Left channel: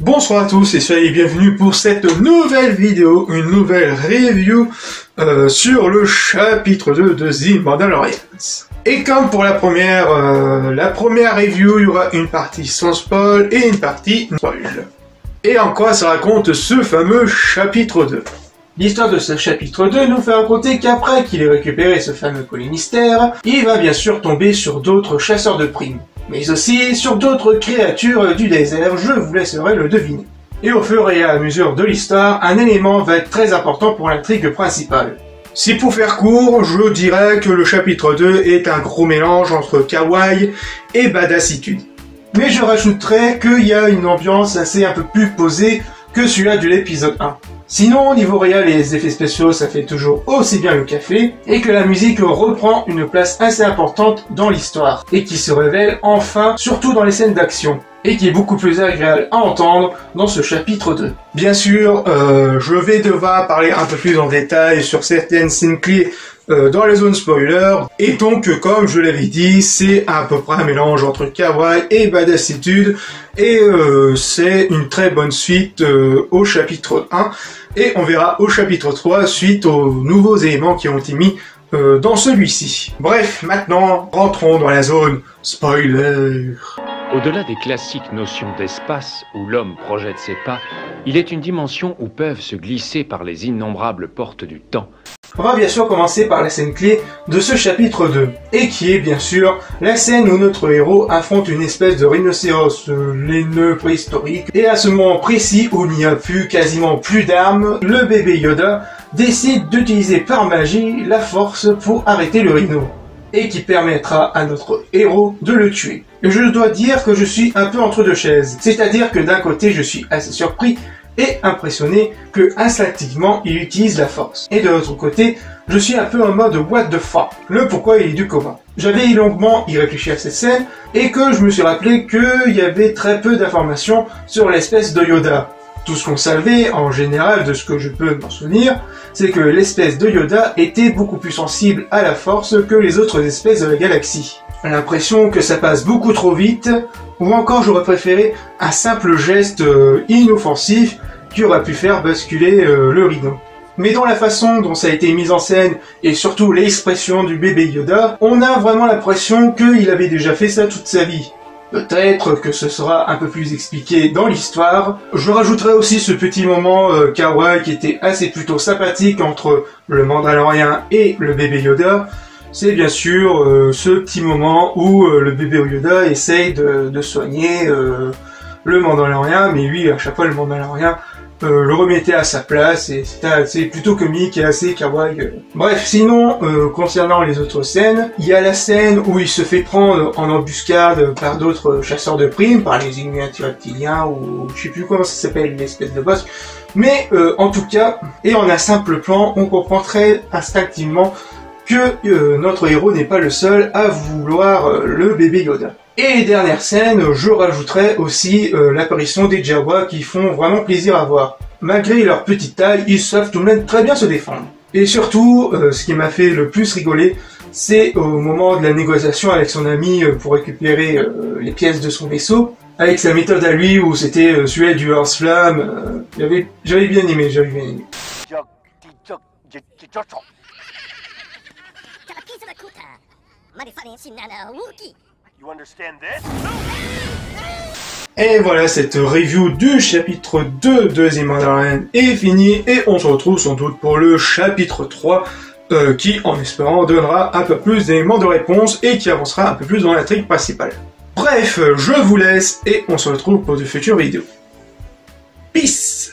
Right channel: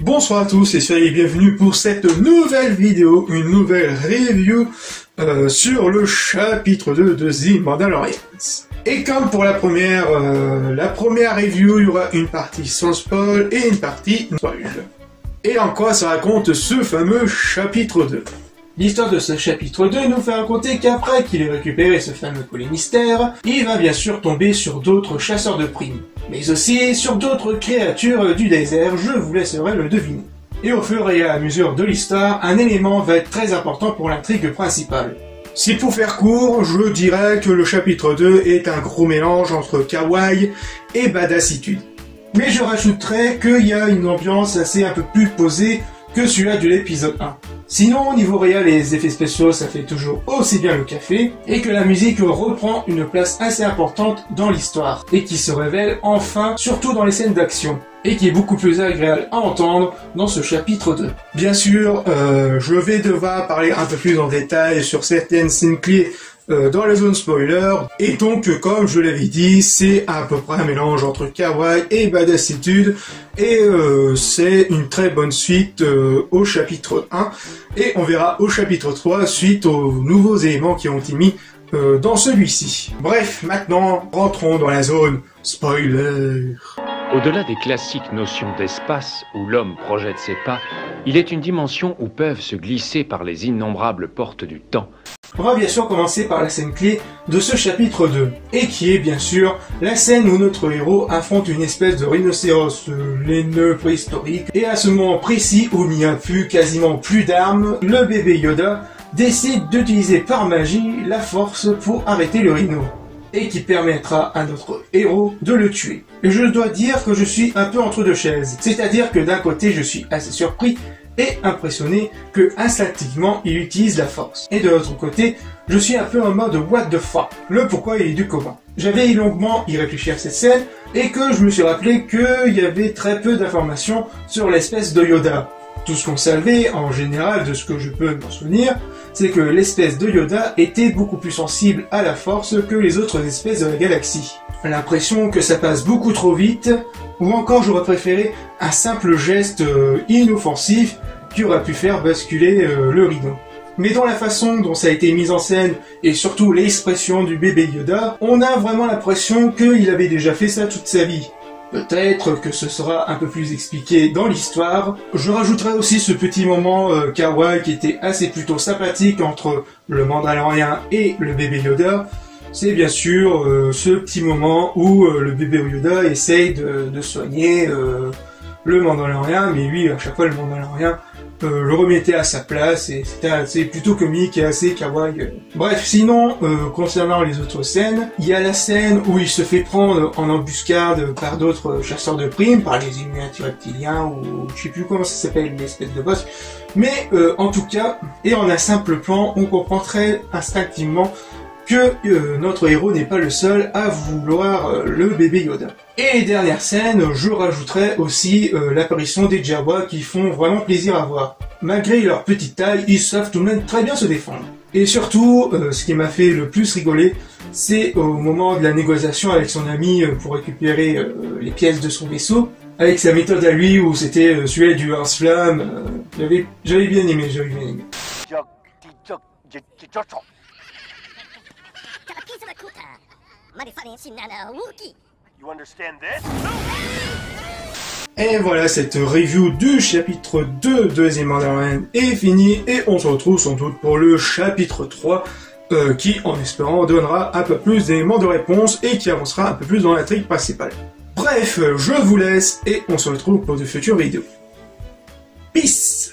Bonsoir à tous et soyez bienvenus pour cette nouvelle vidéo, une nouvelle review sur le chapitre 2 de The Mandalorian. Et comme pour la première review, il y aura une partie sans spoil et une partie spoil. Et en quoi ça raconte ce fameux chapitre 2? L'histoire de ce chapitre 2 nous fait raconter qu'après qu'il ait récupéré ce fameux colis mystère, il va bien sûr tomber sur d'autres chasseurs de primes, mais aussi sur d'autres créatures du désert, je vous laisserai le deviner. Et au fur et à mesure de l'histoire, un élément va être très important pour l'intrigue principale. Si pour faire court, je dirais que le chapitre 2 est un gros mélange entre kawaii et badassitude. Mais je rajouterais qu'il y a une ambiance assez un peu plus posée que celui-là de l'épisode 1. Sinon, au niveau réel et les effets spéciaux, ça fait toujours aussi bien le café, et que la musique reprend une place assez importante dans l'histoire, et qui se révèle enfin, surtout dans les scènes d'action, et qui est beaucoup plus agréable à entendre dans ce chapitre 2. Bien sûr, je vais devoir parler un peu plus en détail sur certaines scènes clés dans les zones spoilers, et donc comme je l'avais dit, c'est à peu près un mélange entre kawaii et badassitude, et c'est une très bonne suite au chapitre 1, et on verra au chapitre 3 suite aux nouveaux éléments qui ont été mis dans celui-ci. Bref, maintenant, rentrons dans la zone spoiler. Au-delà des classiques notions d'espace où l'homme projette ses pas, il est une dimension où peuvent se glisser par les innombrables portes du temps. On va bien sûr commencer par la scène clé de ce chapitre 2, et qui est bien sûr la scène où notre héros affronte une espèce de rhinocéros laineux préhistorique, et à ce moment précis où il n'y a quasiment plus d'armes, le bébé Yoda décide d'utiliser par magie la force pour arrêter le rhino, et qui permettra à notre héros de le tuer. Et je dois dire que je suis un peu entre deux chaises, c'est-à-dire que d'un côté je suis assez surpris et impressionné que instinctivement il utilise la force. Et de l'autre côté, je suis un peu en mode what the fuck, le pourquoi et du comment. J'avais longuement y réfléchi à cette scène et que je me suis rappelé qu'il y avait très peu d'informations sur l'espèce de Yoda. Tout ce qu'on savait en général de ce que je peux m'en souvenir, c'est que l'espèce de Yoda était beaucoup plus sensible à la force que les autres espèces de la galaxie. J'ai l'impression que ça passe beaucoup trop vite, ou encore j'aurais préféré un simple geste inoffensif qui aurait pu faire basculer le rhino. Mais dans la façon dont ça a été mis en scène, et surtout l'expression du bébé Yoda, on a vraiment l'impression qu'il avait déjà fait ça toute sa vie. Peut-être que ce sera un peu plus expliqué dans l'histoire. Je rajouterai aussi ce petit moment kawaii qui était assez plutôt sympathique entre le Mandalorian et le bébé Yoda. C'est bien sûr ce petit moment où le bébé Yoda essaye de soigner le Mandalorian, mais lui, à chaque fois, le Mandalorian le remettait à sa place, et c'était assez plutôt comique et assez kawaii. Bref, sinon, concernant les autres scènes, il y a la scène où il se fait prendre en embuscade par d'autres chasseurs de primes, par les Illuminati reptiliens, ou je sais plus comment ça s'appelle, une espèce de boss. Mais en tout cas, et en un simple plan, on comprend très instinctivement que notre héros n'est pas le seul à vouloir le bébé Yoda. Et dernière scène, je rajouterai aussi l'apparition des Jawa qui font vraiment plaisir à voir. Malgré leur petite taille, ils savent tout de même très bien se défendre. Et surtout, ce qui m'a fait le plus rigoler, c'est au moment de la négociation avec son ami pour récupérer les pièces de son vaisseau, avec sa méthode à lui où c'était celui du lance-flamme. J'avais bien aimé. Et voilà, cette review du chapitre 2 de The Mandalorian est finie, et on se retrouve sans doute pour le chapitre 3 qui, en espérant, donnera un peu plus d'éléments de réponse et qui avancera un peu plus dans l'intrigue principale. Bref, je vous laisse et on se retrouve pour de futures vidéos. Peace!